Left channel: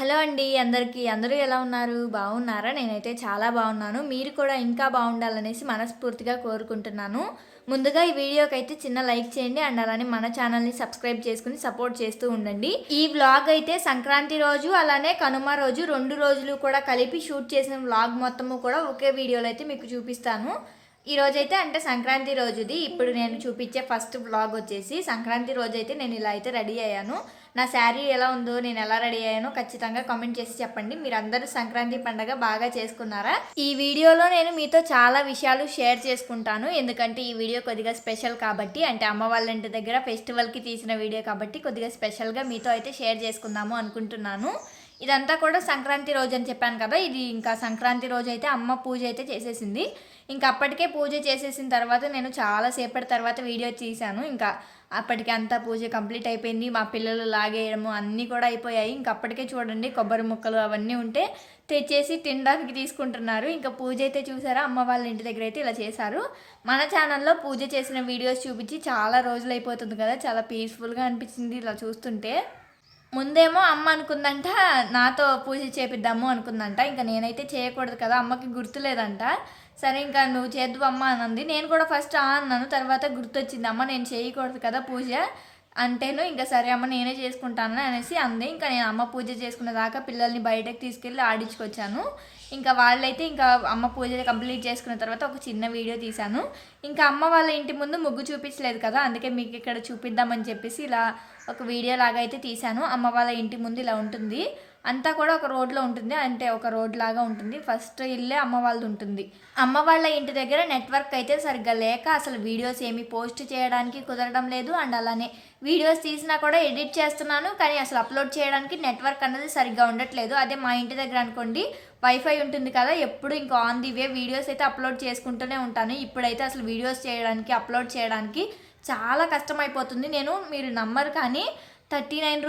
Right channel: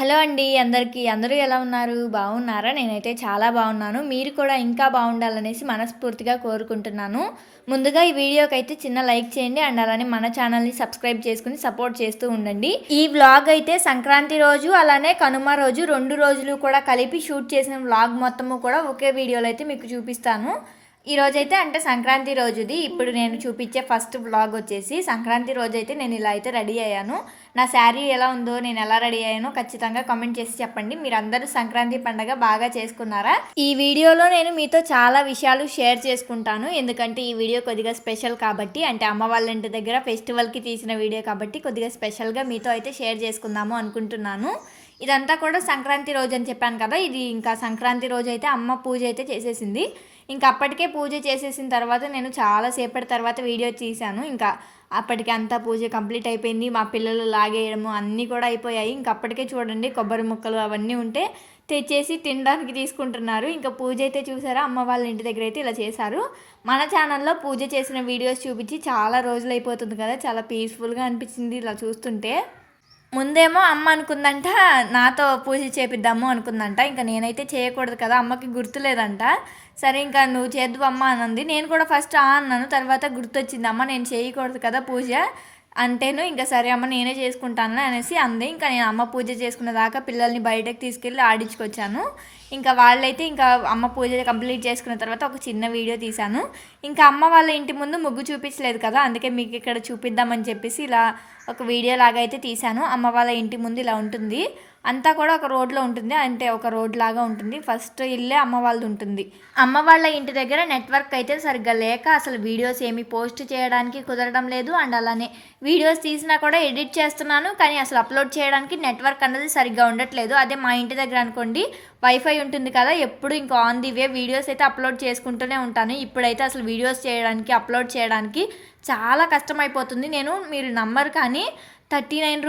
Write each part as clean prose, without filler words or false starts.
Hello అండి అందరికీ. అందరూ ఎలా ఉన్నారు? బాగున్నారా? నేనైతే చాలా బాగున్నాను. మీరు కూడా ఇంకా బాగుండాలనేసి మనస్ఫూర్తిగా కోరుకుంటున్నాను. ముందుగా ఈ వీడియోకైతే చిన్న లైక్ చేయండి అండ్ అలానే మన ఛానల్ని సబ్స్క్రైబ్ చేసుకుని సపోర్ట్ చేస్తూ ఉండండి. ఈ వ్లాగ్ అయితే సంక్రాంతి రోజు అలానే కనుమ రోజు 2 రోజులు కూడా కలిపి షూట్ చేసిన వ్లాగ్ మొత్తము కూడా ఒకే వీడియోలో అయితే మీకు చూపిస్తాను. ఈరోజైతే అంటే సంక్రాంతి రోజుది. ఇప్పుడు నేను చూపించే ఫస్ట్ వ్లాగ్ వచ్చేసి సంక్రాంతి రోజైతే నేను ఇలా అయితే రెడీ అయ్యాను. నా శారీ ఎలా ఉందో, నేను ఎలా రెడీ అయ్యానో ఖచ్చితంగా కామెంట్ చేసి చెప్పండి. మీరందరూ సంక్రాంతి పండుగ బాగా చేసుకున్నారా? ఈ వీడియోలో నేను మీతో చాలా విషయాలు షేర్ చేసుకుంటాను. ఎందుకంటే ఈ వీడియో కొద్దిగా స్పెషల్ కాబట్టి, అంటే అమ్మ వాళ్ళ ఇంటి దగ్గర ఫెస్టివల్కి తీసిన వీడియో కాబట్టి కొద్దిగా స్పెషల్గా మీతో అయితే షేర్ చేసుకుందాము అనుకుంటున్నాను. ఇదంతా కూడా సంక్రాంతి రోజు అని చెప్పాను కదా, ఇది ఇంకా సంక్రాంతి రోజు అయితే అమ్మ పూజ అయితే చేసేసింది. ఇంకా అప్పటికే పూజ చేసేసిన తర్వాత నేను చాలాసేపటి తర్వాత వీడియో తీశాను. ఇంకా అప్పటికి అంతా పూజ కంప్లీట్ అయిపోయింది. మా పిల్లలు లాగేయడము అన్నీ కూడా అయిపోయాయి. ఇంక అప్పటికే చూడండి కొబ్బరి ముక్కలు అవన్నీ ఉంటే తెచ్చేసి తినడానికి తీసుకుంటున్నారు. ఇంకా పూజ అయితే చూసారా, అమ్మ వాళ్ళ ఇంటి దగ్గర అయితే ఇలా చేశారు. మన ఛానల్లో పూజ చేసిన వీడియోస్ చూపించి చాలా రోజులు అయిపోతుంది కదా, చాలా పీస్ఫుల్గా అనిపించింది ఇలా చూస్తుంటే. ముందేమో అమ్మ అనుకుందంట నాతో పూజ చేపిద్దాము అనుకుందంట. ఇంకా నేనైతే చేయకూడదు కదా, అమ్మకి గుర్తులేదంట. సరే ఇంకా నువ్వు చేద్దు అమ్మ అనంది. నేను కూడా ఫస్ట్ అన్నాను, తర్వాత గుర్తొచ్చింది అమ్మ నేను చేయకూడదు కదా పూజ అంటేను. ఇంకా సరే అమ్మ నేనే చేసుకుంటాను అనేసి అంది. ఇంకా నేను అమ్మ పూజ చేసుకున్న దాకా పిల్లల్ని బయటకు తీసుకెళ్ళి ఆడించుకొచ్చాను. ఇంకా వాళ్ళైతే ఇంకా అమ్మ పూజ కంప్లీట్ చేసుకున్న తర్వాత ఒక చిన్న వీడియో తీశాను. ఇంకా అమ్మ వాళ్ళ ఇంటి ముందు ముగ్గు చూపించలేదు కదా, అందుకే మీకు ఇక్కడ చూపిద్దామని చెప్పేసి ఇలా ఒక వీడియో లాగా అయితే తీశాను. అమ్మ వాళ్ళ ఇంటి ముందు ఇలా ఉంటుంది, అంతా కూడా ఒక రోడ్లో ఉంటుంది, అంటే ఒక రోడ్ లాగా ఉంటుంది. ఫస్ట్ ఇల్లే అమ్మ వాళ్ళది ఉంటుంది. అమ్మ వాళ్ళ ఇంటి దగ్గర నెట్వర్క్ అయితే సరిగ్గా లేక అసలు వీడియోస్ ఏమి పోస్ట్ చేయడానికి కుదరడం లేదు. అండ్ అలానే వీడియోస్ తీసినా కూడా ఎడిట్ చేస్తున్నాను, కానీ అసలు అప్లోడ్ చేయడానికి నెట్వర్క్ అన్నది సరిగ్గా ఉండట్లేదు. అదే మా ఇంటి దగ్గర అనుకోండి వైఫై ఉంటుంది కదా, ఎప్పుడు ఇంకా ఆన్ ది వే వీడియోస్ అయితే అప్లోడ్ చేసుకుంటూనే ఉంటాను. ఇప్పుడైతే అసలు వీడియోస్ చేయడానికి అప్లోడ్ చేయడానికి చాలా కష్టమైపోతుంది. మీరు నంబర్ కానీ 39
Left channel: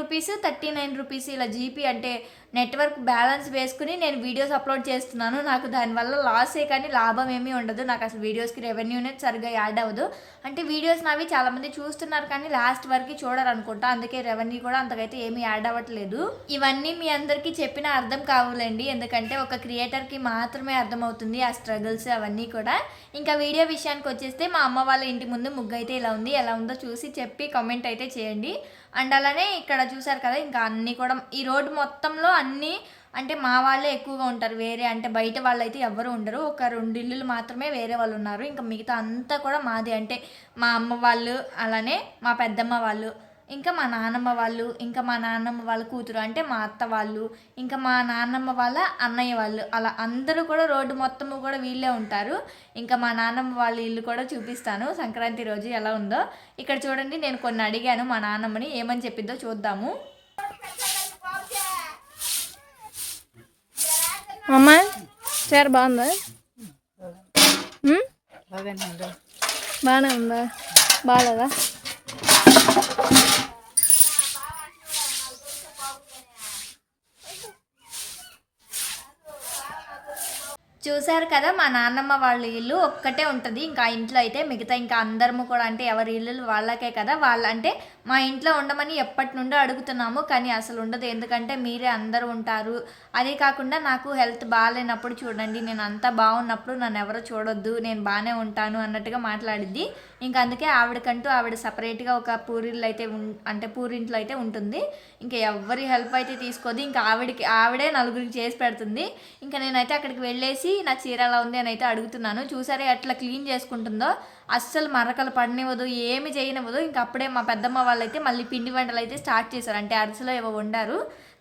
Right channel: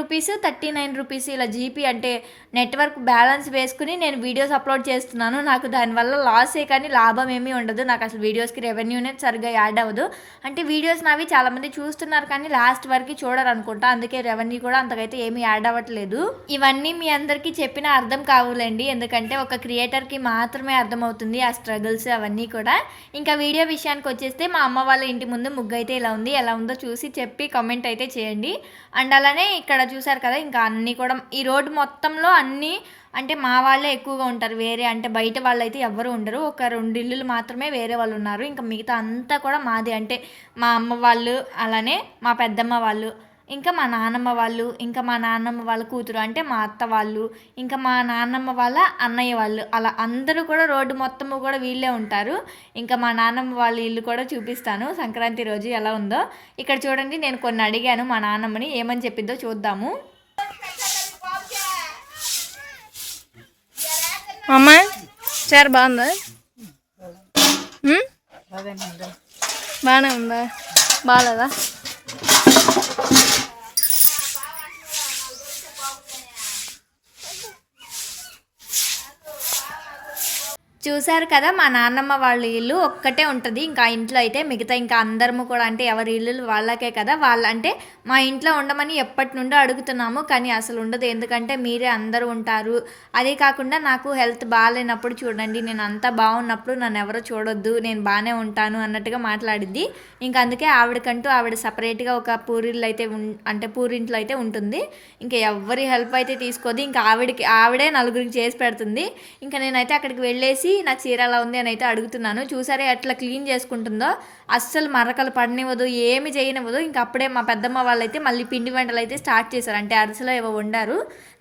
రూపీస్ ఇలా జీపీ అంటే నెట్వర్క్ బ్యాలెన్స్ వేసుకుని నేను వీడియోస్ అప్లోడ్ చేస్తున్నాను. నాకు దానివల్ల లాసే కానీ లాభం ఏమీ ఉండదు. నాకు అసలు వీడియోస్కి రెవెన్యూ అనేది సరిగ్గా యాడ్ అవ్వదు. అంటే వీడియోస్ నావి చాలామంది చూస్తున్నారు కానీ లాస్ట్ వరకు చూడరు అనుకుంటా, అందుకే రెవెన్యూ కూడా అంతకైతే ఏమీ యాడ్ అవ్వట్లేదు. ఇవన్నీ మీ అందరికీ చెప్పిన అర్థం కావాలండి, ఎందుకంటే ఒక క్రియేటర్కి మాత్రమే అర్థమవుతుంది ఆ స్ట్రగుల్స్ అవన్నీ కూడా. ఇంకా వీడియో విషయానికి వచ్చేస్తే మా అమ్మ వాళ్ళ ఇంటి ముందు ముగ్గు అయితే ఇలా ఉంది. ఎలా ఉందో చూసి చెప్పి కామెంట్ అయితే చేయండి. అండ్ అలానే ఇక్కడ చూసారు కదా, ఇంకా అన్నీ కూడా ఈ రోడ్డు మొత్తంలో అన్నీ అంటే మా వాళ్ళే ఎక్కువగా ఉంటారు. వేరే అంటే బయట వాళ్ళు అయితే ఎవ్వరు ఉండరు. ఒక 2 ఇల్లులు మాత్రమే వేరే వాళ్ళు ఉన్నారు. ఇంకా మిగతా అంతా కూడా మాది. అంటే మా అమ్మ వాళ్ళు, అలానే మా పెద్దమ్మ వాళ్ళు, ఇంకా మా నాన్నమ్మ వాళ్ళు, ఇంకా మా నాన్నమ్మ వాళ్ళ కూతురు అంటే మా అత్త వాళ్ళు, ఇంకా మా నాన్నమ్మ వాళ్ళ అన్నయ్య వాళ్ళు, అలా అందరూ కూడా రోడ్డు మొత్తము కూడా వీళ్ళే ఉంటారు. ఇంకా మా నాన్నమ్మ వాళ్ళ ఇల్లు కూడా చూపిస్తాను సంక్రాంతి రోజు ఎలా ఉందో. ఇక్కడ చూడండి, నేను కొన్ని అడిగాను మా నాన్నమ్మని, ఏమని చెప్పిందో చూద్దాము. అమ్మా చారు బాగుందా? బాగానే ఉందా? బాగాలేదా? చూశారు కదా, మా నాన్నమ్మ వాళ్ళ ఇల్లు ఒక్కటే ఉంటుంది. ఇంకా ఇంట్లో అయితే మిగతా ఇంకా అందరము కూడా అంటే ఎవరి ఇల్లులు వాళ్ళకే కదా, అంటే మా ఇంట్లో ఉండమని ఎప్పటి నుండో అడుగుతున్నాము, కానీ అసలు ఉండదు. ఎందుకంటే మీరే అందరూ ఉంటారు. అదే కాకుండా నాకు హెల్త్ బాగాలేనప్పుడు చూడండి, నేను అంతా బాగున్నప్పుడు నన్ను ఎవరో చూడొద్దు, నేను బాగానే ఉంటాను అన్నట్టుగా మాట్లాడిద్ది. ఇంకా అందుకే ఆవిడ సపరేట్గా ఒక పూరిల్లు అయితే అంటే పూరింట్లో అయితే ఉంటుంది. ఇంకా ఎవరి హెల్ప్ అయితే తీసుకోదు. ఇంకా ఆవిడే నలుగురికి చేసి పెడుతుంది. ఇంకా నేనైతే అక్కడికి వెళ్ళేసి నా చీర ఎలా ఉంది అని అయితే అడుగుతున్నాను. చూసారే ఎట్లా క్లీన్ చేసుకుంటుందో, అస్సలు మరకలు పడనివ్వదు, ఏమి చేయనివ్వదు. ఇంకా అప్పుడే మా పెద్దమ్మ వాళ్ళు అయితే మళ్ళీ పిండి వంటలు అయితే స్టార్ట్ చేశారు. అంటే అరిసెలో ఏవో వండారు,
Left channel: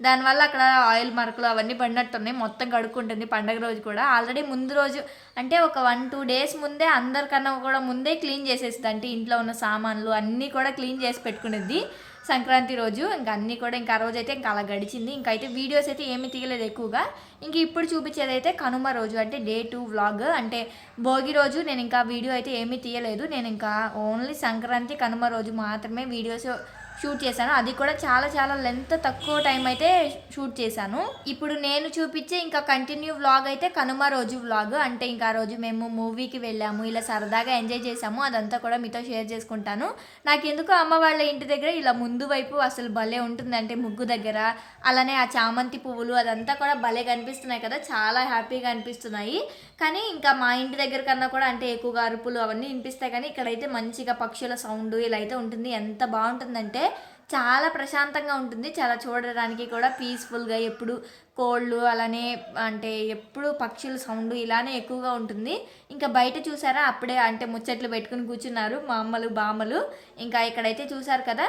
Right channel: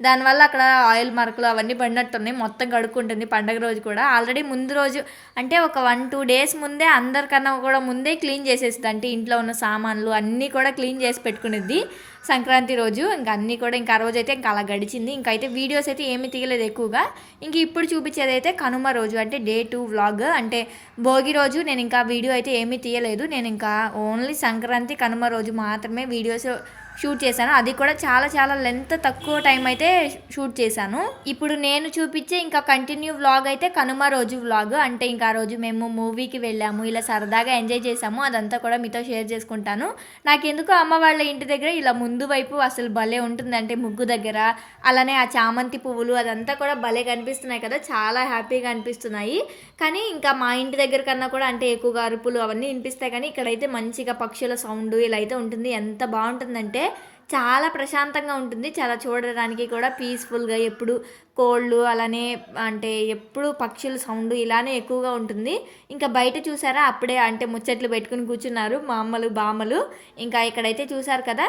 దానివల్ల అక్కడ ఆయిల్ మరకలు అవన్నీ పడినట్టున్నాయి. మొత్తం కడుక్కుంటుంది పండగ రోజు కూడా. ఆల్రెడీ ముందు రోజు అంటే ఒక 1-2 డేస్ ముందే అందరికన్నా కూడా ముందే క్లీన్ చేసేస్తుంది. అంటే ఇంట్లో ఉన్న సామాన్లు అన్నీ కూడా క్లీన్ చేసి పెట్టుకునేది సంక్రాంతి రోజు. ఇంకా అన్నీ కూడా ఇంకా ఆ రోజు అయితే ఇంకా అలా గడిచింది. ఇంకా అయితే వీడియోస్ అయితే ఏమీ తీయలేదు ఎక్కువగా. ఇంక ఇప్పుడు చూపించేది అయితే కనుమ రోజు అంటే Day 2 వ్లాగ్. అంటే భోగి రోజు నేను ఇంకా వీడియో అయితే ఏమీ తీయలేదు. నేను ఇంకా ఓన్లీ సంక్రాంతి కనుమ రోజు మాత్రమే వీడియోస్ షూట్ చేశాను. అది కూడా చాలా చాలా లెంత్ తక్కువ టైం అయితే షూట్ చేశాను. ఇప్పుడు నేను చూపించే ఇంకా కంటిన్యూ వ్లాగ్ అయితే కనుమ రోజు వ్లాగ్. అంటే ఇంకా ఆ రోజు మేము మూవీకి వెళ్ళాము, ఇలా సరదాగా ఎంజాయ్ చేసాము. అదంతా కూడా మీతో షేర్ చేసుకుంటాను. నాకెందుకో అమ్మ వాళ్ళ ఇంటి దగ్గర ఇలా ముందు వైపు అసలు భలే ఉంటుంది. అంటే ముగ్గు దగ్గర అలానే ఆ చామంతి పువ్వులు అదంతా కూడా భలే కనిపిస్తున్నాయి కదా, చాలా హ్యాపీగా అనిపిస్తున్నాయి. కానీ ఇంకా మా ఇంటి దగ్గర కన్నా కూడా అంటే ఎక్కువగా అరుపులు అవన్నీ వినిపిస్తాయి. కానీ ఇక్కడైతే మంచిగా పక్షుల సౌండ్ ఇలా అయితే ఉంటుంది. ఎంత బాగుంటుందంటే చాలా ప్రశాంతంగా ఉంటుంది. చాలా చూడడానికి కూడా పీస్ఫుల్గా, ఎప్పుడు కోళ్ళు అలానే అంటే ఎప్పుడు పక్షుల సౌండ్ ఇలానే ఎక్కువగా ఉంటుంది. ఇంకా బయట చూసారా అప్పుడే అంటే ముచ్చట్లు పెట్టుకుని కూర్చున్నారు మా అమ్మలు బామ్మలు. ఇంకా ఇక్కడైతే చూసారు కదా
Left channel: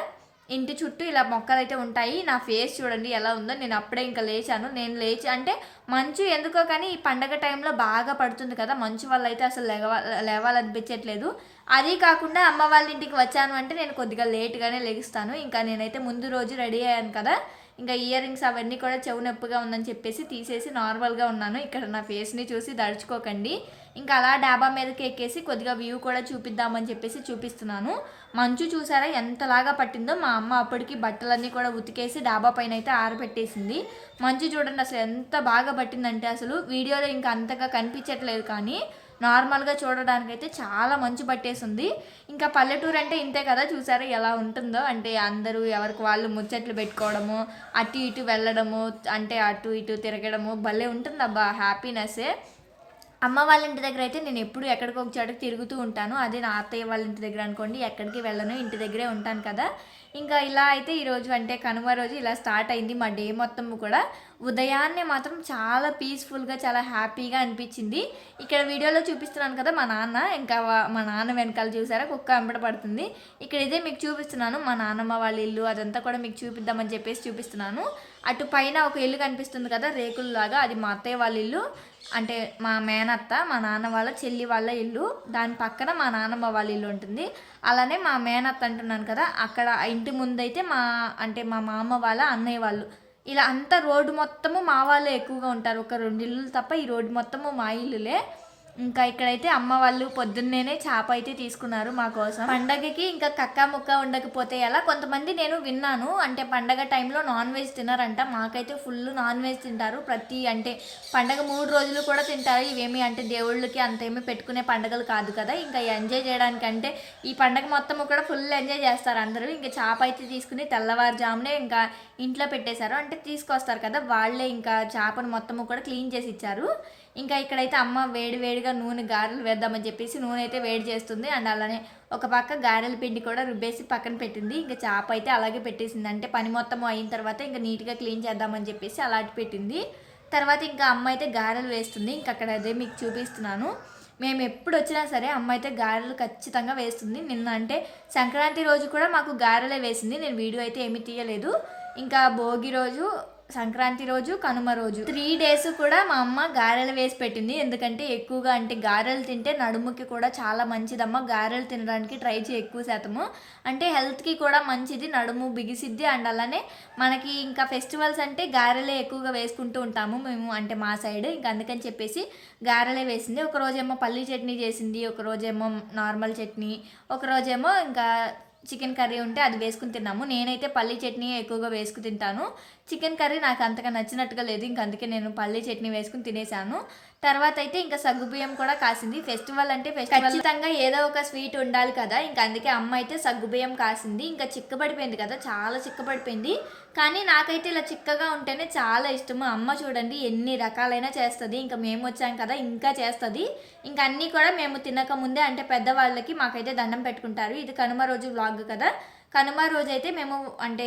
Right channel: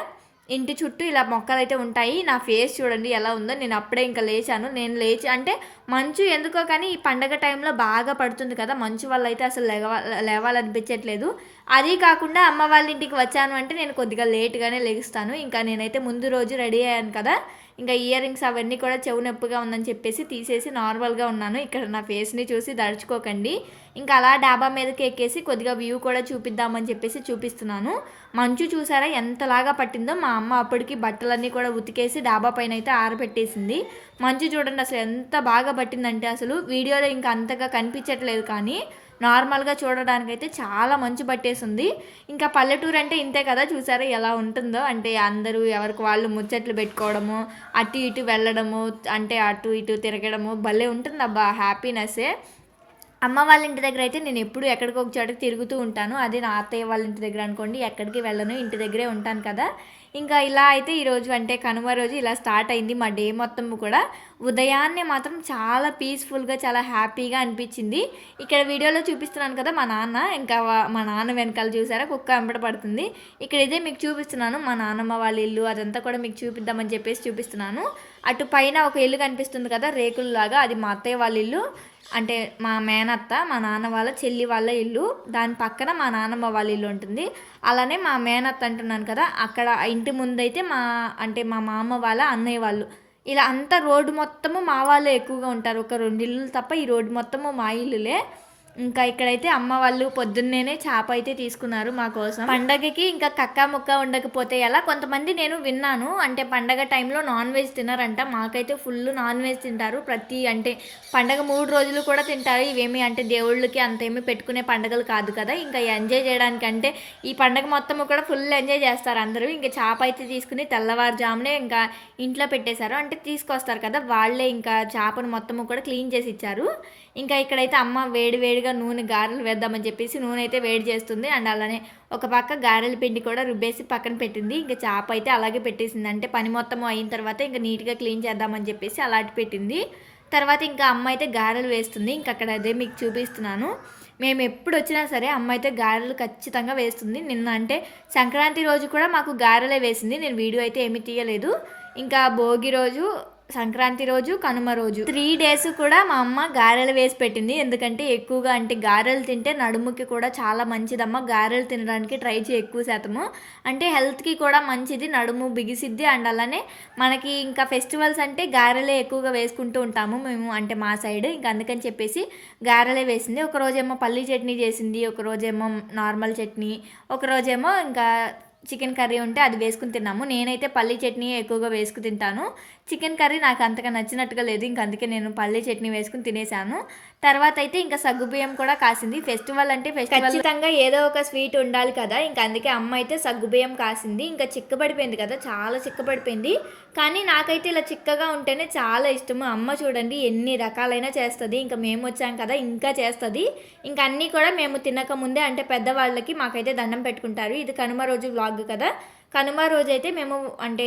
ఇంటి చుట్టూ ఇలా మొక్కలు అయితే ఉంటాయి. నా ఫేస్ చూడండి ఎలా ఉందో. నేను అప్పుడే ఇంకా లేచాను. నేను లేచి అంటే మంచు ఎందుకో కానీ ఈ పండగ టైంలో బాగా పడుతుంది కదా, మంచు వల్ల అయితే అసలు లేవాలనిపించట్లేదు. అది కాకుండా అమ్మ వాళ్ళ ఇంటికి వచ్చాను అంటే నేను కొద్దిగా లేట్గానే లెగుస్తాను. ఇంకా నేనైతే ముందు రోజు రెడీ అయ్యాను కదా, ఇంకా ఇయర్ రింగ్స్ అవన్నీ కూడా చెవు నొప్పిగా ఉందని చెప్పేసి తీసేసి నార్మల్గా ఉన్నాను. ఇక్కడ నా ఫేస్ని చూసి దడుచుకోకండి. ఇంకా అలా డాబా మీదకి ఎక్కేసి కొద్దిగా వ్యూ కూడా చూపిద్దామని చెప్పేసి చూపిస్తున్నాను. మంచు చూసారా ఎంతలాగా పట్టిందో. మా అమ్మ అప్పటికి బట్టలన్నీ కూడా ఉతికేసి డాబా పైన అయితే ఆరబెట్టేసింది. మంచు చూడండి అసలు ఎంత బాగా పట్టిందంటే అసలు వీడియోలో ఇంకా అంతగా కనిపించట్లేదు, కానీ నార్మల్గా చూడడానికి అయితే చాలా మంచు పట్టేసింది. ఇంకా పల్లెటూరు అంటే ఇంతే కదా, చూసారా ఎలా ఉంటుందో. అంటే అందరూ ఎవరికి వాళ్ళు ముచ్చట్లు పెట్టుకోవడము, అటు ఇటు వెళ్ళడము, అంటే అటు ఇటు తిరగడము భలే ఉంటుంది అబ్బా, హ్యాపీనెస్సే. అమ్మ వాళ్ళ ఇంటి దగ్గర అయితే నేను ఎప్పుడు ఎక్కడికి ఒక చోటకి తిరుగుతూ ఉంటాను. అదే నా అత్తయ్య వాళ్ళ ఇంటి దగ్గర అనుకోండి ఎక్కడికి వెళ్ళను, ఇంటి దగ్గరే ఉంటాను కదా. ఇంకా ఇలా అయితే ఈరోజు అంటే కనుమ రోజు ఇలా స్టార్ట్ అయింది మా డే మొత్తం కూడా. ఉదయాన్నే మాత్రం చాలా పీస్ఫుల్గా చాలా హ్యాపీగా అనిపించింది. ఇక్కడ వీడియోలో చూపిస్తున్నాను కదా మా నాన్న, ఇంకా మా నాన్న వెనకాల చూసారా కుక్క వెంబడ పడుతుంది. ఇక్కడ ఇదే మీకు చూపిస్తున్నాను మా నాన్నమ్మ వాళ్ళ ఇల్లు, అదంతా కూడా మీకు చూపిద్దామని చెప్పేసి చూపిస్తున్నాను. అటు పైన ఒక ఇల్లు కనిపిస్తుంది కదా రేకుల్లాగా, అది మా అత్తయ్య వాళ్ళ ఇల్లు. అంటే మా మేనత్త మా నాన్న వాళ్ళ చెల్లి వాళ్ళ ఇల్లు, దాని పక్కన మా నాన్నమ్మ వాళ్ళ ఇల్లు ఉంటుంది. అలానే మా మేనత్త అంటున్నాను కదా, అక్కడ ఇంటి ముందైతే అంటే మా మామ వాళ్ళ అన్నయ్య వాళ్ళు. ఇలా అంతా రోడ్డు మొత్తము మా వాళ్ళే ఎక్కువగా ఉంటారు. ఒక 2 ఇల్లులు తప్ప ఈ రోడ్డు మొత్తము మా ఇల్లులే. ఇంకా ఇక్కడైతే అమ్మ వాళ్ళు పొద్దున్నేనే చేప అయితే తీసుకున్నారు మా కోసం. పండగకి ఇంకా కక్క ముక్క ఉండకపోతే ఎలా, కొంతమంది నేను విన్నాను అంటే పండగ టైంలో నాన్ వెజ్ తినరంట. మాకైతే ఫుల్ నాన్ వెజ్ తింటారు. అంటే పండగ 3 రోజులు కూడా తింటారు. ఇవేమి అంటే దేవుళ్ళకి అంతేమీ పెట్టుకునే పండగలు కాదు కదా, ఇంకా ఎంజాయ్ చేయడానికి అంటే ఈ పండగ మొత్తము కూడా ఫుల్ ఎంజాయ్ చేస్తారు అందరూ. ఇంకా చేప అయితే తీసుకుని తెల్లవారుజామునే ఇంకా ఇంట్లో పెట్టేశారు. అంటే తీసుకొస్తారు కదా వాళ్ళే, ఇంకా చేపను మొత్తము కూడా క్లీన్ చేసి ఇచ్చారు. ఇంకా ఇక్కడైతే అమ్మ వేడివేడిగా నూనె గారెలు వేద్దామని చెప్పేసి నూనె అయితే వేడి చేస్తుంది. అండ్ అలానే ఒక పక్క గారెల పిండి కూడా రుబ్బేసి పక్కన పెట్టింది. ఇంకా చేప అయితే అలాగే పెట్టేసింది. అంటే పని మొత్తం అయిన తర్వాత ఇంకా నీట్గా క్లీన్ చేద్దామని చెప్పేసి అలాంటి పెట్టింది. తర్వాత ఇంకా అమ్మ అయితే గారెలు వేస్తుంది. ఇంకా అక్కడ అదే మీకు చూపిస్తున్నాను. మేము ఎప్పుడు వచ్చినా సరే అమ్మ అయితే గారెలు ఖచ్చితంగా వేస్తుంది. నిన్న అంటే సంక్రాంతి రోజు కూడా మాకు గారెలే వేసింది. నేను వీడియో అయితే ఏమీ తీయలేదు. ఇంకా భోగి రోజు, సంక్రాంతి రోజు, కనుమ రోజు 3 days కూడా మా అమ్మ గారెలు వేసి పెట్టింది. ఎందుకంటే ఎక్కువగా అంటే గారెలు తింటే నడుముకి కూడా చాలా మంచిదమ్మ. గారెలు తినడానికి ట్రై చేయి ఎక్కువ శాతము, అంటే హెల్త్కి కూడా మంచిది, నడుము బిగిసిద్ది. అండ్ అలానే మనకి ఇంకా ఫెస్టివల్స్ అంటే గారెలే ఎక్కువగా వేసుకుంటూ ఉంటాము మేము, అంటే మా సైడ్. ఇంకా అందుకని చెప్పేసి గారెలే వేసింది. ఒకరోజేమో పల్లీ చట్నీ చేసింది, ఒకరోజేమో నార్మల్ చట్నీ, ఒకరోజేమో ఇంకా చికెన్ కర్రీ ఉంటే అది వేసుకుని తిన్నాము. నేనైతే పల్లీ చట్నీ ఎక్కువగా వేసుకుని తింటాను. చికెన్ కర్రీ నాకు అంతగా నచ్చినట్టుగా లేదు, ఇంక అందుకే నేను పల్లీ చట్నీ వేసుకుని తినేసాను. తర్వాత అయితే ఇంకా సగ్గుబియ్యం కూడా కాసింది. ఫెస్టివల్ అంటే ఖచ్చితంగా ఏదో ఒక స్వీట్ ఉండాలి కదా, ఇంకా అందుకే అమ్మ అయితే సగ్గుబియ్యం కాసింది. ఇంకా చిక్కబడిపోయింది కదా, చాలా చిక్కబడిపోయింది. కానీ నాకైతే ఇలా చిక్కగా ఉంటేనే చాలా ఇష్టము. అమ్మ చూడండి ఎన్ని రకాలైనా చేస్తుంది. ఇంకా మేము వచ్చాం కదా ఇంకా చేస్తుంది. ఇంకా అన్నీ కూడా మేము తినక ముందే అంటే పెద్దవాళ్ళకి మాకైతే దండం పెట్టుకుంటారు. ఇది కనుమ రోజు వ్లాగ్ కదా, కనుమ రోజు అయితే మేము అంటే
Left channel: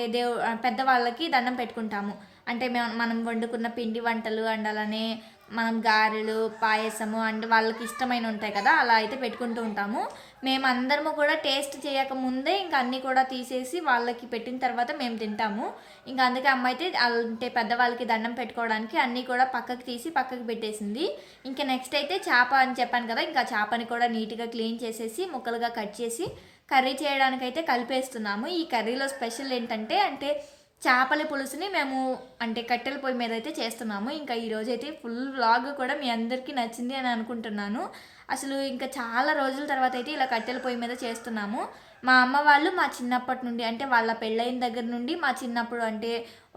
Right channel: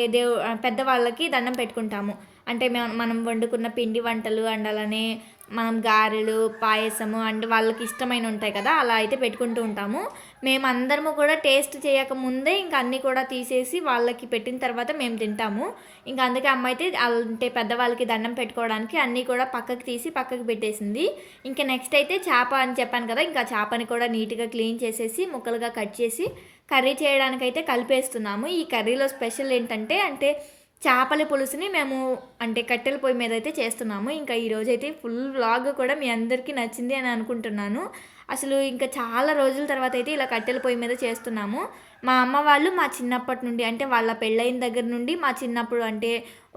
పెద్దవాళ్ళకి దండం పెట్టుకుంటాము. అంటే మనం వండుకున్న పిండి వంటలు అండ్ అలానే మనం గారెలు, పాయసము అండ్ వాళ్ళకి ఇష్టమైన ఉంటాయి కదా, అలా అయితే పెట్టుకుంటూ ఉంటాము. మేమందరము కూడా టేస్ట్ చేయకముందే ఇంకా అన్నీ కూడా తీసేసి వాళ్ళకి పెట్టిన తర్వాత మేము తింటాము. ఇంకా అందుకే అమ్మ అయితే అంటే పెద్దవాళ్ళకి దండం పెట్టుకోవడానికి అన్నీ కూడా పక్కకి తీసి పక్కకి పెట్టేసింది. ఇంకా నెక్స్ట్ అయితే చేప అని చెప్పాను కదా, ఇంకా చేపని కూడా నీట్గా క్లీన్ చేసేసి ముక్కలుగా కట్ చేసి కర్రీ చేయడానికైతే కలిపేస్తున్నాము. ఈ కర్రీలో స్పెషల్ ఏంటంటే అంటే చేపల పులుసుని మేము అంటే కట్టెల పొయ్యి మీద అయితే చేస్తున్నాము. ఇంకా ఈరోజైతే ఫుల్ వ్లాగ్ కూడా మీ అందరికీ నచ్చింది అని అనుకుంటున్నాను. అసలు ఇంకా చాలా రోజుల తర్వాత అయితే ఇలా కట్టెల పొయ్యి మీద చేస్తున్నాము. మా అమ్మ వాళ్ళు మా చిన్నప్పటి నుండి అంటే వాళ్ళ పెళ్ళైన దగ్గర నుండి మా చిన్నప్పుడు అంటే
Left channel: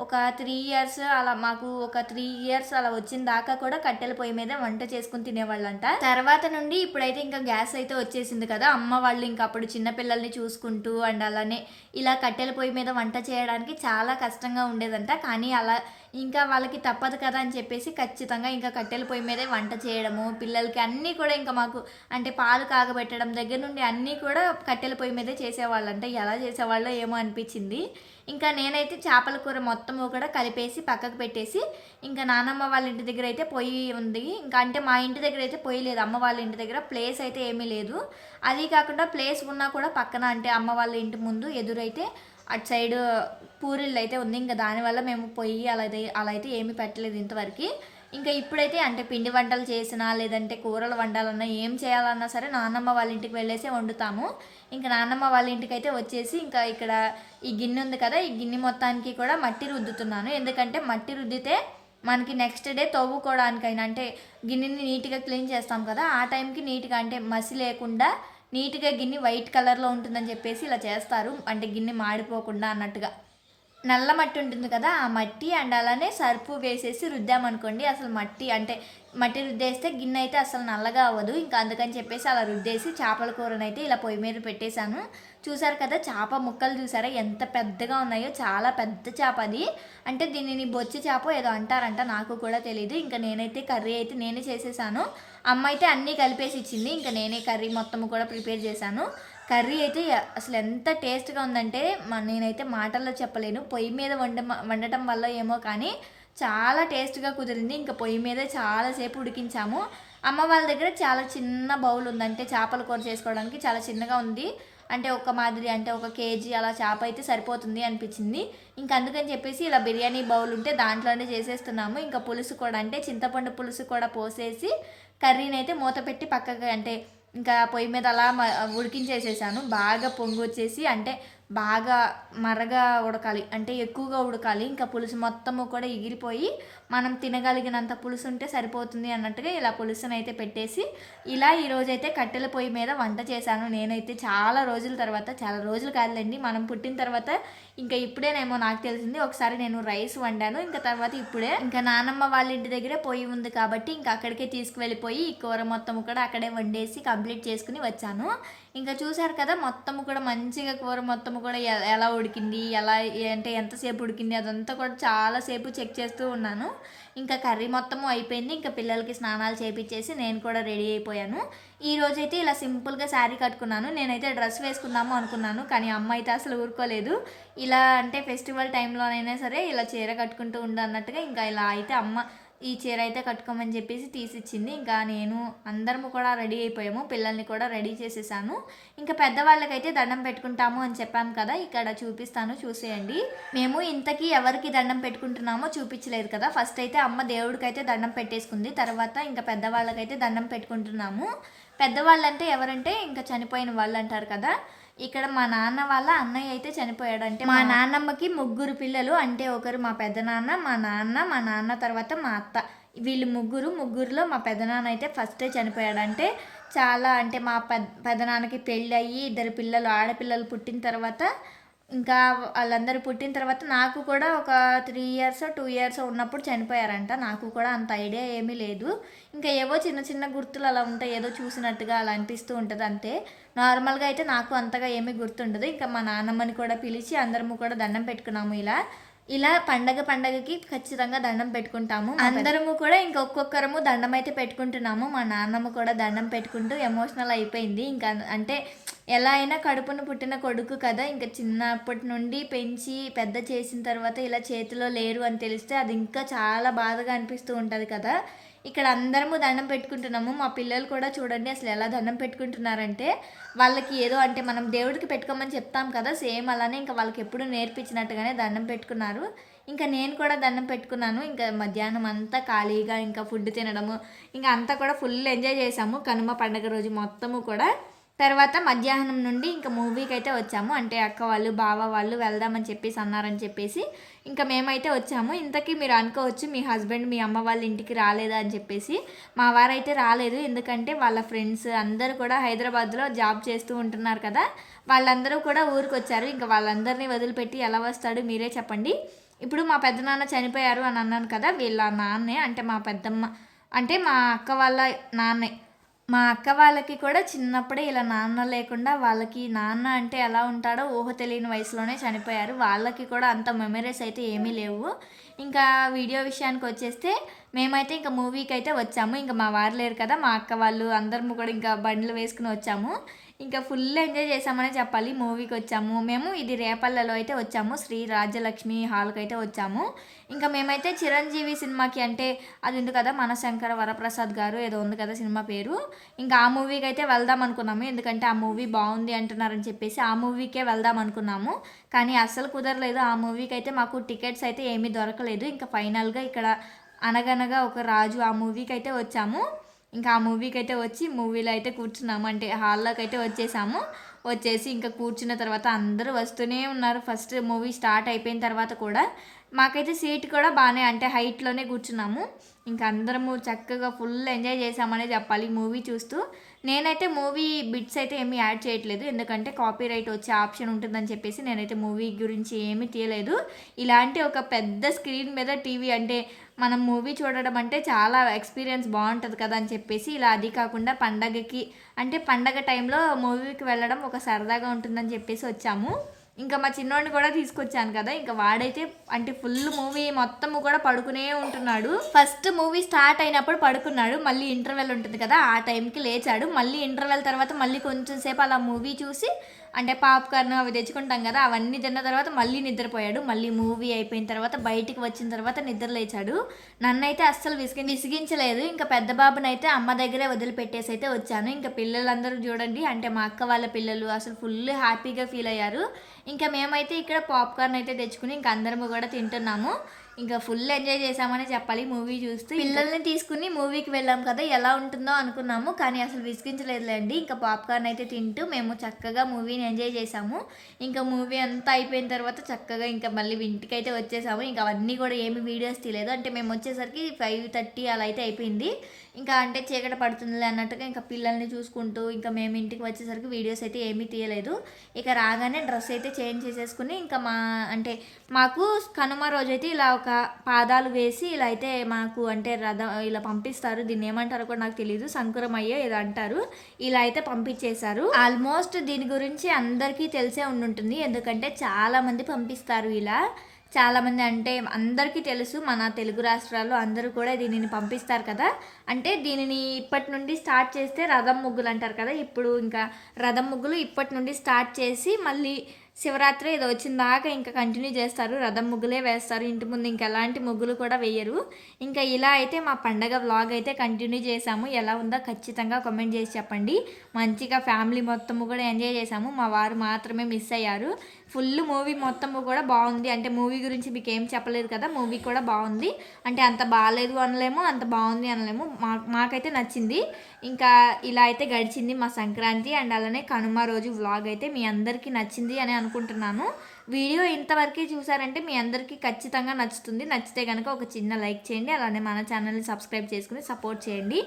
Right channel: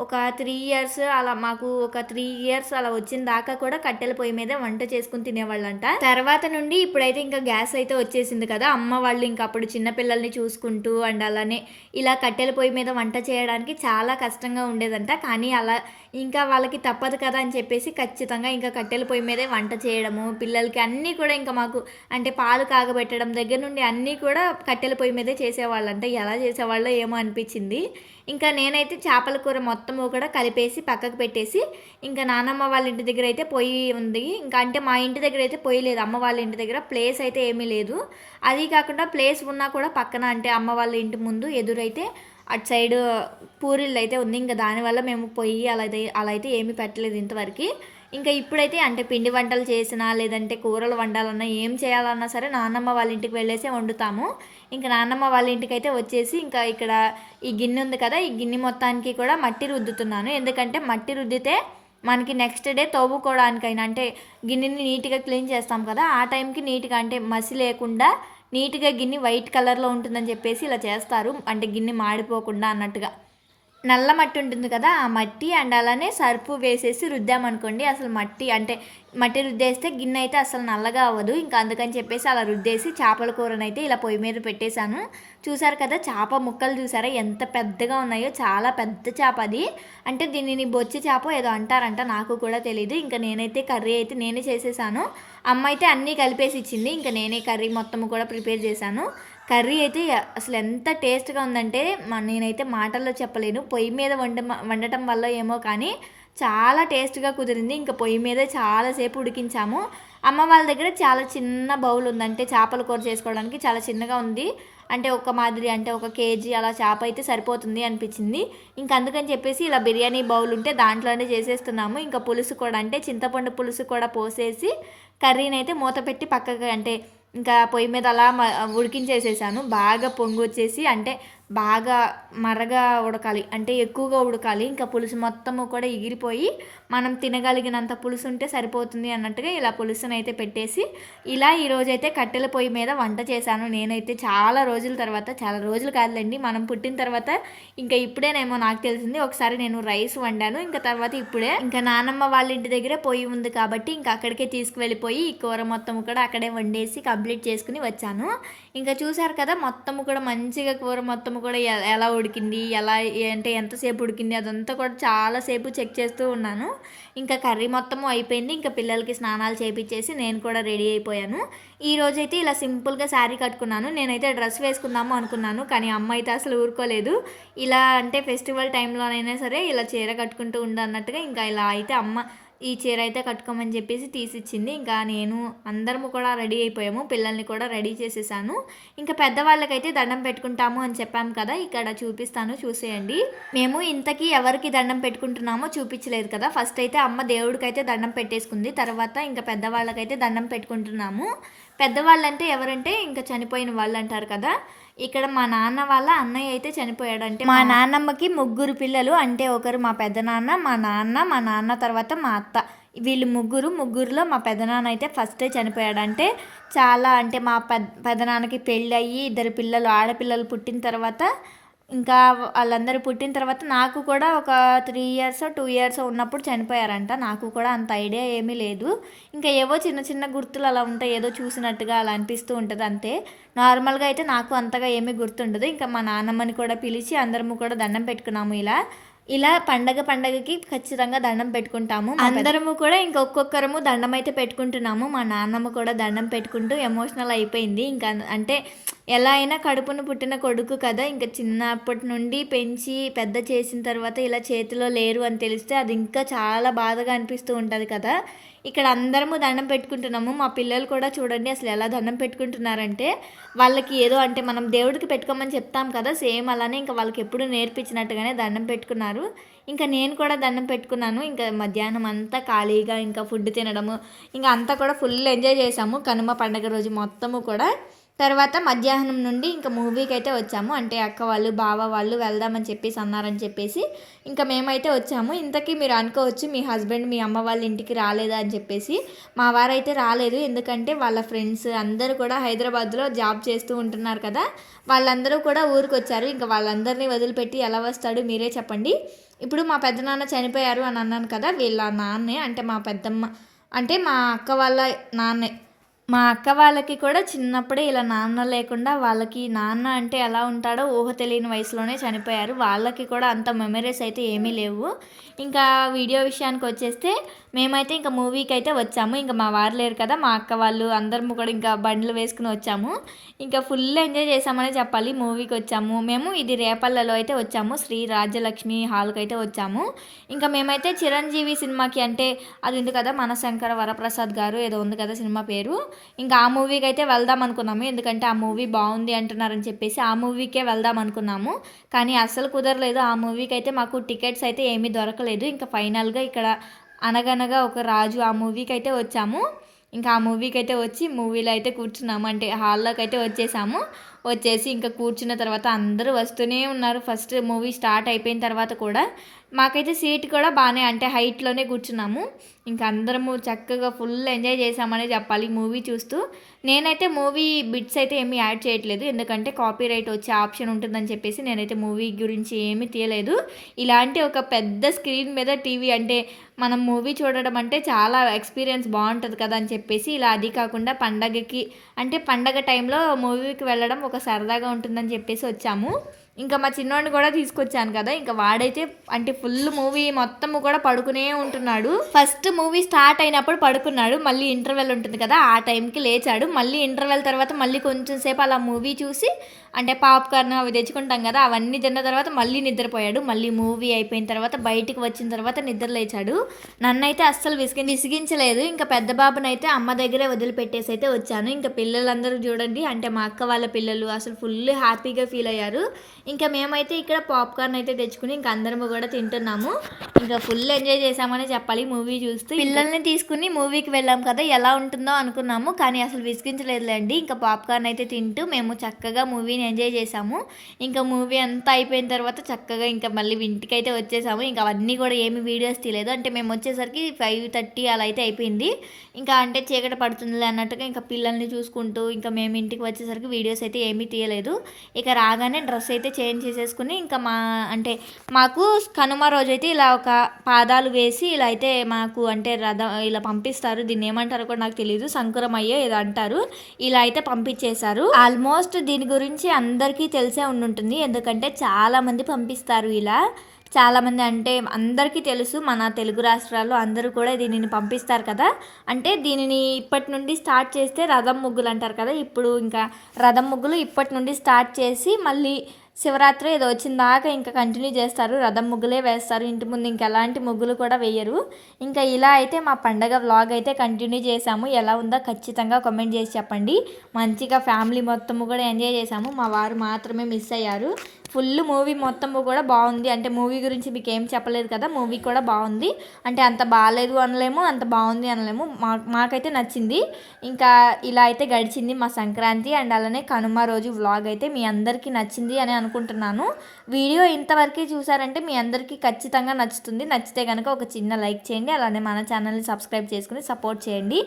ఒక 3 ఇయర్స్ అలా మాకు ఒక 3 ఇయర్స్ అలా వచ్చిన దాకా కూడా కట్టెల పొయ్యి మీద వంట చేసుకుని తినేవాళ్ళంట. తర్వాత నుండి ఇప్పుడైతే ఇంకా గ్యాస్ అయితే వచ్చేసింది కదా, అమ్మ వాళ్ళు ఇంకా అప్పుడు చిన్నపిల్లల్ని చూసుకుంటూ అండ్ అలానే ఇలా కట్టెల పొయ్యి మీద వంట చేయడానికి చాలా కష్టంగా ఉండేదంట. కానీ అలా ఇంకా వాళ్ళకి తప్పదు కదా అని చెప్పేసి ఖచ్చితంగా ఇంకా కట్టెల పొయ్యి మీదే వంట చేయడము, పిల్లలకి అన్నీ కూడా ఇంకా మాకు అంటే పాలు కాగబెట్టడం దగ్గర నుండి అన్నీ కూడా కట్టెల పొయ్యి మీదే చేసేవాళ్ళంట. ఎలా చేసేవాళ్ళో ఏమో అనిపించింది. ఇంకా నేనైతే చేపల కూర మొత్తము కూడా కలిపేసి పక్కకు పెట్టేసి ఇంకా నానమ్మ వాళ్ళ ఇంటి దగ్గర అయితే పొయ్యి ఉంది. ఇంకా అంటే మా ఇంటి దగ్గర అయితే పొయ్యి లేదు, అమ్మ వాళ్ళ ఇంటి దగ్గర ప్లేస్ అయితే ఏమీ లేదు. అది కాకుండా ప్లేస్ ఉన్నా కూడా పక్కన అంటే అమ్మ వాళ్ళ ఇంటి ముందు ఎదురైతే అటు సైడ్ పూరిళ్ళు అయితే ఉంది. ఇంకా దానివల్ల మేము పొయ్యి అలా అయితే ఏమీ పెట్టలేదు ఇంతవరకు. ఇంకా ఇప్పుడైతే అంటే పిండి వంటలు చేసినా లేదంటే కూరలు వండాలన్నా ఏం చేయాలన్నా సరే నాన్నమ్మ వాళ్ళ ఇంటికి వెళ్ళేసి వండుతాము. ఇంకా నాన్నమ్మ వాళ్ళ ఇంటికి అయితే వచ్చేసి ఇంకా ఇక్కడ ఈ గిన్నె ఉంది కదా, ఈ గిన్నె మొత్తానికి కూడా మట్టి రుద్దుతున్నాను. ఎందుకంటే మట్టి రుద్దితే మనకి నెక్స్ట్ డే తవ్వుకోవడానికైనా అంటే గిన్నెని నీట్గా క్లీన్ చేస్తాం కదా, ఆ టైంకి నీట్గా అంటే మసి లేకుండా నీట్గా గిన్నె వైట్ కలర్లో ఉంటుందని చెప్పేసి ఇలా చేస్తారు. అంటే గిన్నె మాడిపోకుండా అన్నట్టుగా. నల్ల మట్టి ఉంటుంది కదా, ఆ మట్టి అండ్ అలానే సర్పు వేసేసి రుద్దామనుకోండి అసలు మట్టి రుద్దేస్తే గిన్నె అయితే అసలు నల్లగా అవ్వదు. ఇంకా అందుకని చెప్పేసి అలా రుద్దేసి చేపల కూరనైతే ఇలా పొయ్యి మీద పెట్టేశాను. చూసారు కదా చేప ముక్కలు చూసారా ఎంత పెద్దగా ఉన్నాయో, చాలా పెద్ద చేప అది. అంటే దీనిని బొచ్చి చేప ఏదో అంటారంట, నాకు కూడా తెలీదు. ఇంకా నేనైతే కర్రీ అయితే నేనే చేసేసాను. అమ్మ అయితే అన్నీ కలిపేసి ఇచ్చింది. ఇంకా నేనే కర్రీ మొత్తం కూడా ప్రిపేర్ చేశాను. కర్రీ అయితే అసలు ఎంత టేస్ట్గా ఉందంటే నేనైతే మాటల్లో చెప్పలేను. పొయ్యి మీద వండటం వల్ల ఏమో కానీ చాలా టేస్ట్గా కుదిరింది. ఇంకా పొయ్యి మీద చాలాసేపు ఉడికించాము. అమ్మ వాళ్ళ దగ్గర చాలా చిన్న బౌల్ ఉందంటే చేపల కూర చేసుకోవడానికి చాలా చిన్నగా ఉంది. అంటే ఒక మాదిరి అంటే 1 కేజీ అలా చేప అయితే సరిపోతుంది అనిపించింది. ఇంకా అందుకని చెప్పేసి ఇలా బిర్యానీ బౌల్ ఉంటే దాంట్లోనే చేసేస్తున్నాము. ఇంకా పులుసు కూడా అంటే చింతపండు పులుసు కూడా పోసేసి కర్రీని అయితే మూత పెట్టి పక్కగా అంటే ఇంకా పొయ్యి మీద అలా ఉడికించేసేసాను. బాగా పొంగు వచ్చేసి అంటే బాగా మరగా ఉడకాలి, అంటే ఎక్కువగా ఉడకాలి. ఇంకా పులుసు మొత్తము కూడా ఎగిరిపోయి మనం తినగలిగినంత పులుసు ఉంటే సరిపోతుంది అన్నట్టుగా ఇలా పులుసుని అయితే పెట్టేసి ఇలా ఈరోజైతే కట్టెల పొయ్యి మీద వంట చేశాను. నేనైతే చాలా రోజుల తర్వాత, చాలా రోజులు కాదులేండి మనం పుట్టిన తర్వాత ఇంకా ఇప్పుడేనేమో నాకు తెలిసింది. ఒకసారి నేను రైస్ వండాను, ఇంకా తర్వాత ఇప్పుడే ఇంకా నానమ్మ వాళ్ళ ఇంటి దగ్గర పొయ్యి ఉంది కాబట్టి ఇంకా అక్కడికే తీసుకువెళ్ళిపోయి ఈ కూర మొత్తం కూడా అక్కడే వండేసి కంప్లీట్ చేసుకుని వచ్చాను. ఇంకా చూసారు కదా మొత్తము కూడా మంచిగా కూర మొత్తము కూడా ఎలా ఉడికింది, ఎలా అంటే ఎంతసేపు ఉడికింది అదంతా కూడా చాలాసేపు చెక్ చేస్తూ ఉన్నాను. ఇంకా కర్రీ మొత్తము అయిపోయింది. ఇంకా పిల్లలకి స్నానాలు చేయించేసి నేను కూడా రెడీ అయిపోయాను. ఈరోజైతే ఇలా సింపుల్గా శారీ కట్టుకున్నాను. నేనైతే డ్రెస్ వేసుకుందాము అనుకున్నాను, కానీ అమ్మ అయితే అసలు ఊరుకోలేదు. ఇలా అంటే ఫెస్టివల్ టైంలోనైనా సరే ఇలా చీర కట్టుకుంటూ ఉండన్నట్టుగా ఇంకా ఇలా అయితే అమ్మ ఈ చీర అయితే కట్టుకోమని చెప్పేసి తీసిచ్చింది. ఇంకా నేను అందరము కూడా రెడీ అయిపోయాము, పిల్లల్ని కూడా రెడీ చేసేసాను. ఇంకా పెద్దవాళ్ళకైతే దండం పెట్టుకుంటాము అని చెప్పాము కదా, ఇక్కడ చూపిస్తాను చూసేయండి. మేము ఇంతకీ ఎవరికి దండం పెట్టుకుంటున్నామో చూపించలేదు కదా. ఫస్ట్ అయితే అమ్మ దేవుడికైతే దండం పెట్టేసుకుంది, తర్వాత ఇంకా పెద్దవాళ్ళకైతే దండం పెట్టుకుంటున్నాము. పెద్దవాళ్ళంటే ఎవరంటే ఇంకా చనిపోయిన వాళ్ళు అంటారు కదా. ఇక్కడ మా నాన్న వాళ్ళ అన్నయ్య అయితే చనిపోయాడు. అంటే మా నాన్నమ్మకి 3 పిల్లలు, అంటే ఒకరు మా పెద్దనాన్న, మా నాన్న తర్వాత మా అత్త, వీళ్ళు ముగ్గురులో మా పెద్దనాన్న అయితే ఫస్టే చనిపోయాడు. అంటే చాలా అంటే మా పెద్దనాన్నకి పెళ్ళి అయ్యి 2 పిల్లలు ఆడపిల్లలు పుట్టిన తర్వాత ఇంకా వాళ్ళందరూ పుట్టిన తర్వాత నాకు కూడా ఒక 3 ఇయర్స్ 2 ఇయర్స్ ఉన్నప్పుడు చనిపోయారంట. నాకు కూడా అంత ఐడియా ఏమీ లేదు. ఇంకా ఏవో చిన్న చిన్న గుర్తులు అలా ఉంటాయి, ఏదో చూసినట్టుగా అలా అనిపిస్తూ ఉంటుంది అంతే. నార్మల్గా అయితే నాకు అంతగా ఏమీ గుర్తుండదు. ఇంకా మా నాన్నమ్మని కూడా పిలిచి అందరము కూడా దండం పెట్టుకున్నాము. ఇలా పండగకి ఖచ్చితంగా దండం పెట్టుకుంటాము అందరము కూడా. ఇంకా ఒక్కొక్కరము దండం అయితే పెట్టుకుంటున్నాము. మా నాన్నమ్మ కూడా దండం పెట్టుకుంటూ ఎమోషనల్ అయిపోయింది. ఇంకా అంటే ఎలా అయినా కడుపున పుట్టిన కొడుకు కదా, ఇంకా చిన్నప్పటి నుండి పెంచి పెద్ద చేసిన తర్వాత ఇలా చేతిలో లేరు అని తెలిస్తే అది ఇంకా చాలా బాధగా అనిపిస్తూ ఉంటుంది కదా. ఇక్కడ అందరము దండం పెట్టుకుంటున్నాము. మా పిల్లలు కూడా చూడండి అసలు ఎలా దండం పెట్టుకుంటున్నారంటే వాళ్ళకి ఏదో అంటే మనం దేవుడికి పెట్టుకోమని చెప్తాం కదా, సేమ్ అలానే ఇంకా వాళ్ళకి ఎప్పుడు నేర్పించినట్టుగానే దండం పెట్టుకున్నారు. ఇంకా నేను కూడా దండం పెట్టుకున్నాను. ఇంకా మధ్యాహ్నం అంతా ఖాళీగా ఇంకా ఫుడ్ తినడము ఇంకా అంతా కూడా ఫుల్ ఎంజాయ్ చేసాము కనుమ పండుగ రోజు మొత్తము కూడా. తర్వాత మధ్యాహ్నం నుండి ఇంకా మూవీకి అయితే వచ్చాము. అంటే అక్క వాళ్ళు బావ వాళ్ళు వెళ్దామని చెప్పేసి అన్నారని చెప్పేసి ఇంకా మేమైతే వచ్చాము. ఇంతకీ మీరు అనుకోవచ్చు మీ హస్బెండ్ మీ అమ్మ వాళ్ళ ఇంటికి రాలేదా అని చెప్పేసి. మా వారైతే రాలేదు, ఎందుకంటే వాళ్ళ ఫ్రెండ్స్ అందరూ కూడా హైదరాబాద్లో జాబ్ చేస్తూ ఉంటున్నారు కదా, వాళ్ళందరూ కూడా ఊరికి వచ్చారు. ఇంకా వాళ్ళందరినీ వదిలిపెట్టి ఎలా వస్తాడు మీరే చెప్పండి. ఇప్పుడు మా పెద్దనాన్న చనిపోయారు అని అన్నాను కదా, వీళ్ళ నాన్నే, అంటే మా పెద్దమ్మ అంటే మా అక్క వాళ్ళ నాన్నే. మా అక్క వాళ్ళకి కూడా చిన్నప్పుడే ఇలా నాన్న లేకుండా, వాళ్ళకి నాన్న అంటే ఎలా ఉంటాడో ఊహ తెలియని వయసులోనే చనిపోయారు. వాళ్ళకి కూడా అంత మెమరీస్ అయితే ఏమీ లేవు. ఇంకా వీడియో విషయానికి వచ్చేస్తే మేమైతే ఇంకా మూవీకి అయితే వచ్చాము. ఇంకా మా వారు లేరు కదా, మా అక్క వాళ్ళు అందరము కూడా ఇంకా బండ్లు వేసుకుని వచ్చాము. ఇంకా ఫుల్ ఎంజాయ్ చేసామనే చెప్పాలి. మూవీకి వచ్చాము మేము, ఇది రేపల్లలో అయితే వచ్చాము, శ్రీ రాజ్యలక్ష్మి హాల్కి అయితే వచ్చాము. ఇంకా మేమైతే చిరంజీవి సినిమాకి, అంటే అది ఉంది కదా మనశంకర వరప్రసాద్ గారు ఏదో ఉంది కదా సినిమా పేరు, ఇంకా ఆ మూవీకి అయితే వెళ్దాం అనుకున్నాము. ఎందుకంటే ఆ మూవీ బాగుంది అంటున్నారని చెప్పేసి ఆ మూవీకే వెళ్దాం అనుకున్నాము. కానీ అస్సలు కుదరలేదు. ఆ మూవీకి అయితే మాకు టికెట్స్ అయితే ఏమీ దొరకలేదు. ఇంకా ఫైనల్గా ఇక్కడ అనగనగా ఒక రాజు ఆ మూవీకి అయితే వచ్చాము. ఇంకా ఆ మూవీకి అయితే వచ్చి మూవీలో అయితే కూర్చున్నాము, అంటే హాల్లోకి అయితే వచ్చేసాము. వచ్చేసి ఇంకా కూర్చున్న తర్వాత అందరూ వస్తూనే ఉన్నారు. ఫస్ట్ మూవీ స్టార్ట్ అయిపోయిన తర్వాత కూడా మాకైతే సీట్ కూడా బాగానే, అంటే హైట్లోనే కూర్చున్నాము. ఇంకా అందరము చక్కగా ఫుల్ ఎంజాయ్ చేసామనే చెప్పాలి మూవీ చూస్తూ. నేనైతే మూవీ బిట్స్ అయితే ఏమీ యాడ్ చేయట్లేదు, ఎందుకంటే కాపీరైట్ వచ్చే ఆప్షన్ ఉంటుందని చెప్పేసి నేనైతే మూవీ గురించి ఏమీ తీయలేదు. ఇలాంటి ఒక పెద్ద స్క్రీన్ మీద టీవీ, అంటే మనం మూవీ చూడడం అంటే చాలా ఎక్స్పీరియన్స్ బాగుంటుంది కదా అని చెప్పేసి ఇలా, అది కాకుండా పండగకి, అంటే పండగ టైంలో మూవీకి వెళ్ళడం ఒక సరదాగా ఉంటుందని చెప్పేసి వచ్చాము. ఇంకా మా చిన్నోడిని కూడా తీసుకొచ్చాను కదా, ఇంకా వాడైతే అంటే ఫుల్ మూవీ మొత్తము కూడా పడుకునే ఉంటున్నాడు. ఫస్ట్ మూవీ స్టార్ట్ అయినప్పుడు పడుకున్నాడు, మళ్ళీ ఇంటర్వెల్ ఉంటుంది కదా ఆ టైంకి లేచాడు. మళ్ళీ ఇంటర్వెల్ తర్వాత మళ్ళీ కొంచెం సేపు అలా మూవీ చూసి, అంటే పాప్కార్న్ అవి తెచ్చుకుంటాం కదా అవన్నీ తిన్న తర్వాత మళ్ళీ నిద్రపోయాడు. మళ్ళీ మూవీ అయిపోయిన తర్వాత బయటికి వచ్చిన తర్వాత నిద్ర లేచాడు. నన్నైతే అస్సలు విసిగించలేదు. ఇంకా పెద్ద బాబునైతే అమ్మ దగ్గరే వదిలిపెట్టేసి అయితే వచ్చాను. ఇంకా పిల్లలందరూ చూడండి, అంటే మా అక్క వాళ్ళ పిల్లలు అసలు ఫుల్ హ్యాపీగా ఫీల్ అయ్యారు. ఇంకా మేమైతే ఇక్కడ పాప్కార్న్ అయితే తెచ్చుకుని ఇంకా అందరము కూడా తింటున్నాము. ఇంకా ఫుల్ ఎంజాయ్ చేసామని చెప్పాలి మూవీ చూస్తూ. పిల్లల్ని తీసుకుని మూవీకి వెళ్ళాం కదా, ఎలా ఉంటుందో అనుకున్నాము, కానీ అసలు విసిగించలేదులేండి. ఇంకా పాప్కార్న్ అయితే తింటూ మేము చక్కగా మూవీని ఎంజాయ్ చేసాము. ఇంకా మూవీ అంతా అయిపోయిన తర్వాత చక్కగా ఇంకా మళ్ళీ ఇంటికి అయితే వచ్చేసాము. ఇంకా అవన్నీ కూడా ఏమి వీడియోస్ తీయలేదు, అంటే మేము వచ్చేసరికి 5:30 అలా అయితే అయిపోయింది. ఇంకా అంటే చీకటి పడుతుంది అన్నట్టుగా ఇంకా పిల్లల్ని చూసుకుంటూ ఇంకా మేము ఇంటికి వచ్చేసరికి వీడియోస్ అయితే ఏమీ తీయలేదు. ఇక రాగానే డ్రెస్ అయితే చేంజ్ చేసేసుకుని ఇంకా అంటే మాకు కనుమ రోజైతే ఇలా ఒక పాదాలు వేసి ఇలా అయితే మాకు అంటే రథం ఇలా పంపిస్తారు, దీన్ని ఏమంటారో కూడా నాకు తెలియదు, సంకురమయ్యే ఏదో అంటారు, ఇలా అయితే పంపించేశారు. ఆల్మోస్ట్ దీని గురించి అందరికీ తెలిసే ఉండుంటుంది, ఎందుకంటే చాలామంది పంపిస్తారు ఇలా. చాలామంది, అంటే అందరికీ తెలుసు, మన తెలుగు రాష్ట్రాల్లో అందరూ కూడా దీనిని పంపిస్తారు కదా. అంటే దీనిని ఇప్పటి నుండి స్టార్ట్ చేస్తే రథం ముగ్గులు అంటారు కదా, ఇప్పుడు ఇంకా రథం ముగ్గులు ఇప్పటి నుండి స్టార్ట్ చేసి మళ్ళీ శివరాత్రి ఏదో వచ్చిన దాకా ఇంకా కంటిన్యూ చేస్తారు, రథం ముగ్గులే వేస్తారు, ఇంటి ముందు ఇంకా ఎలాంటి ముగ్గులు కూడా వేయరు. ఇంకా ఇలా అయితే మా పండగ వ్లాగ్ అయితే కంటిన్యూ చేసాము. ఎలా ఉందో ఖచ్చితంగా కామెంట్ చేసి చెప్పండి. మంచిగా ఫ్యామిలీ మొత్తము కూడా ఎంజాయ్ చేసాము, మా వారు మాత్రమే మిస్ అయ్యారు. ఫుల్ మూవీ మొత్తము కూడా బాగుంది, అంటే మూవీ గురించి మీకు ఏం చెప్పలేదు కదా, మూవీ కూడా బాగుంది, అంటే అంత బాగాలేదు అనలేము, అంత బాగుంది అనలేము, మాకైతే నచ్చింది. ఇంకా ఇలా అయితే గడిచింది మా సంక్రాంతి అండ్ అలానే కనుమ రోజు వ్లాగ్ అయితే మీ అందరికీ నచ్చింది అని అనుకుంటున్నాను. వీడియో ఇంతవరకు చూసారంటే మీ అందరికీ ఖచ్చితంగా నచ్చుతుంది. నచ్చితే కనుక ఒక చిన్న లైక్ చేయండి, అలానే మన ఛానల్ని సబ్స్క్రైబ్ చేసుకుని సపోర్ట్ చేయండి.